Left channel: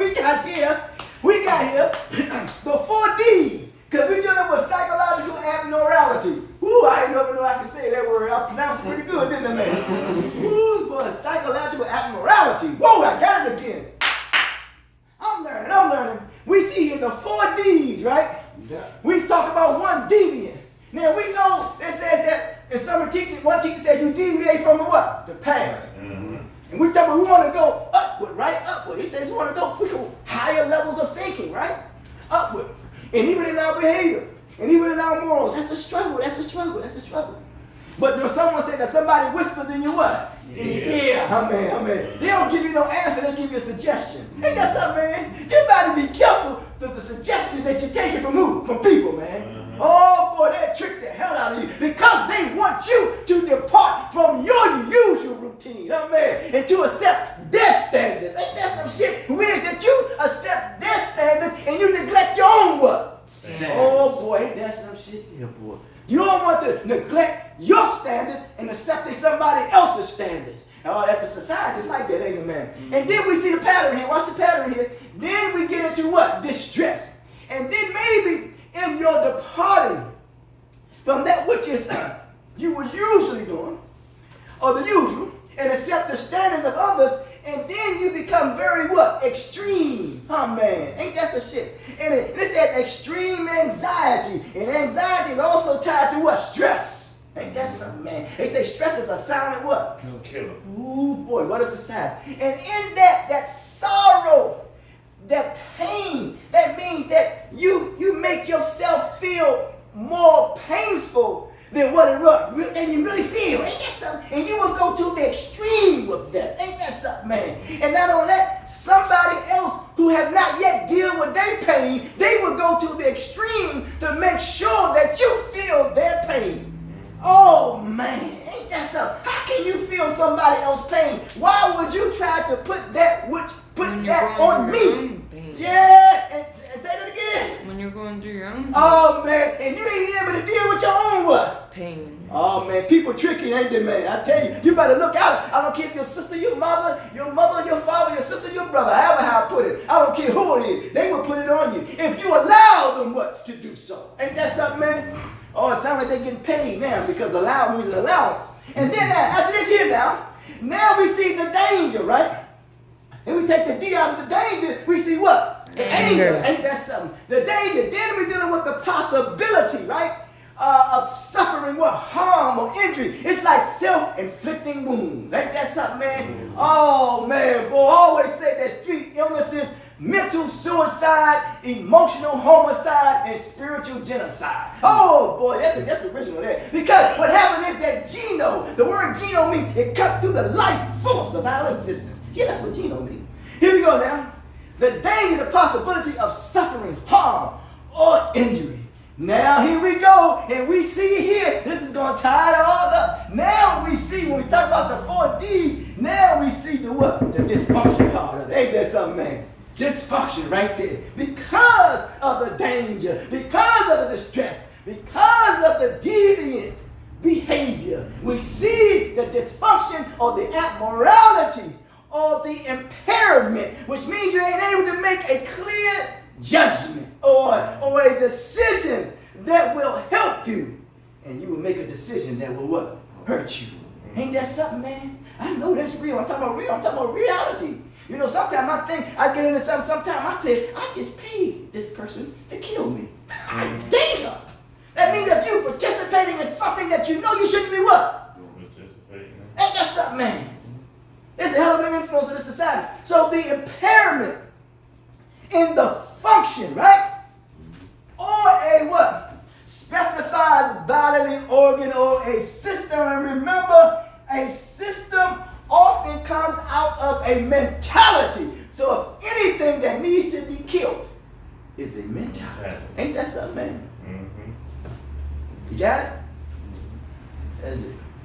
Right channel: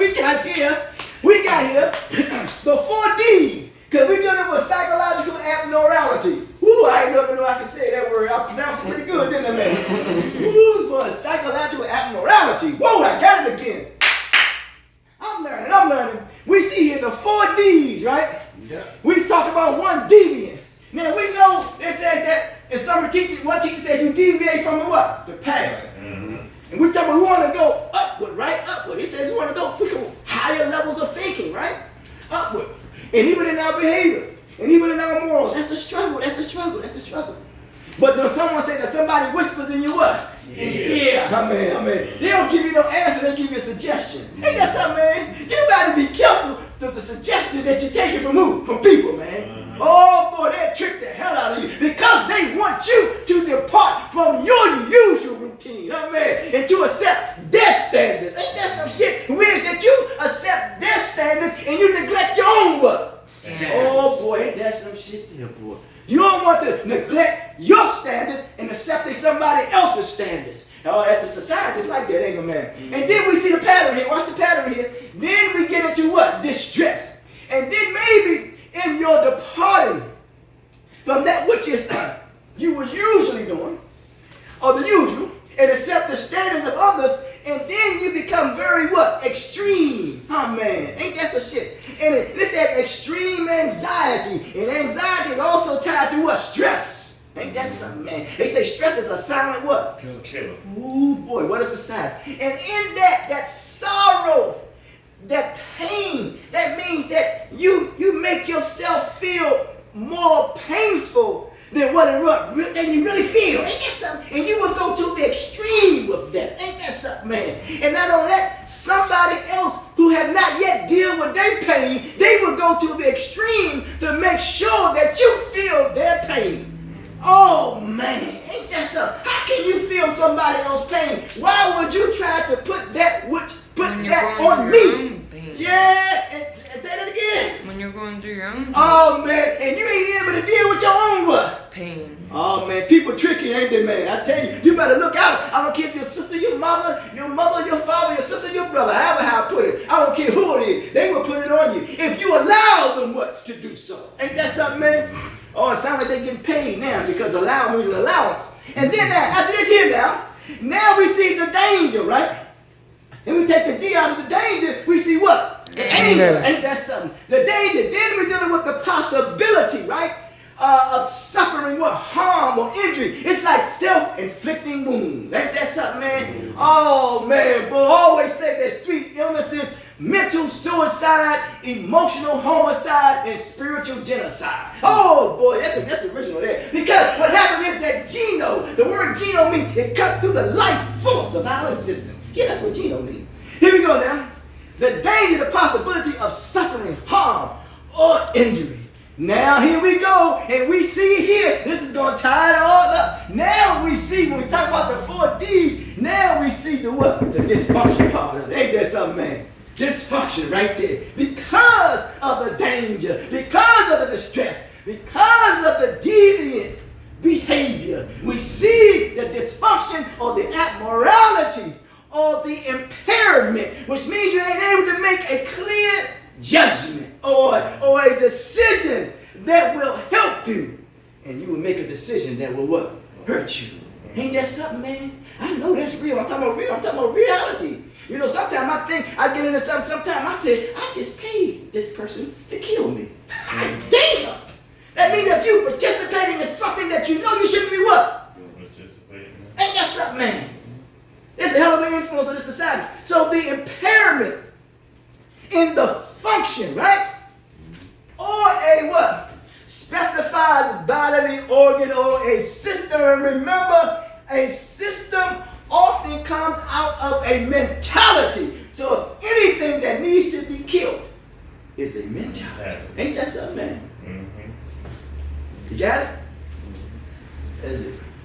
we got here the 4 D's, because we're dealing with psychological abnormality. Woo, I ain't never know I can say that word. I pronounced it pretty good, didn't I, man? Woo, boy, psychological abnormality. Whoa, I got it again. I'm learning. We see here the 4 D's, right? Yeah. We talk about one deviant. Now, we know it says that in some teaching, one teacher said you deviate from the what? The path. Mm-hmm. And we talk about we want to go upward, right? Upward. It says we want to go higher levels of thinking, right? Upward. And even in our behavior, and even in our morals, that's a struggle. But when someone say that somebody whispers in your what? Yeah. Amen. They don't give you no answer, they give you a suggestion. Ain't that something, man? You better be careful with the suggestion that you're taking from who? From people, man. Oh boy, they'll trick the hell out of you because they want you to depart from your usual routine, amen, and to accept their standards. Ain't that some shit weird that you accept their standards and you neglect your own what? Oh boy, ain't that some shit there, boy. You don't want to neglect your standards and accepting somebody else's standards. Oh, that's a society. It's like that, ain't it, man? And then we see the pattern here. Watch the pattern here. Then we get into what? Distress. And then maybe in your departing from that which is you were usually doing, or the usual, and accept the standards of others, and then you become very what? Extreme. Oh man, ain't that some shit? And this says extreme anxiety, and anxiety is also tied to what? Stress. Ain't that something, man? They say stress is a silent what? Killer. Ooh boy, what is a sign? And in that sorrow, that pain, that means that you make yourself feel more painful than than you really feel. Ain't that something? And you will go to the extreme with that. Ain't that something, man? And not only that, somebody else who have not yet dealt with their pain, they will go to the extreme to make sure that you feel their pain. Oh man, ain't that something? How can you feel somebody else's pain? Why would you try to put that on me? Yeah, and say that again. When you're going through your own pain. Oh man, and you ain't able to deal with your own what? Pain. Oh man, people tricky, ain't they, man? I tell you, you better look out. I don't care if your sister, your mother, your father, your sister, your brother, however how I put it. I don't care who it is. They will put it on you if you allow them what to do so. Ain't that something, man? Oh, it sounds like they're getting paid now because allow means an allowance. And then after this here now we see the danger, right? And we take the D out of the danger, we see what? The anger. Ain't that something? The danger. Then we're dealing with the possibility, right? Of suffering what? Harm or injury. It's like self-inflicting wounds. Ain't that something, man? Oh, man. Boy, I always say there's 3 illnesses: mental suicide, emotional homicide, and spiritual genocide. Oh, boy, that's original there. Because what happened is that Geno, the word Geno means it cut through the life force of our existence. Yeah, that's what Geno means. Here we go now. The danger, the possibility of suffering, harm, or injury. Now here we go, and we see here, this is going to tie it all up. Now we see, when we talk about the 4 D's, now we see the what? The dysfunction part of it. Ain't that something, man? Dysfunction right there. Because of the danger, because of the distress, because of the deviant behavior, we see the dysfunction or the abnormality or the impairment, which means you ain't able to make a clear judgment or a decision that will help you, and you will make a decision that will what? Hurt you. Ain't that something, man? I know that's real. I'm talking about reality. You know, sometimes I think I get into something. Sometimes I say, I just paid this person to kill me. Damn. That means if you participating in something that you know you shouldn't be what? Ain't that something, man? It's a hell of an influence on this society. So the impairment in the function, right? Or a what? Specifies bodily organ or a system. And remember, a system often comes out of a mentality. So if anything that needs to be killed is a mentality. Ain't that something, man? Mm-hmm. You got it? That's it.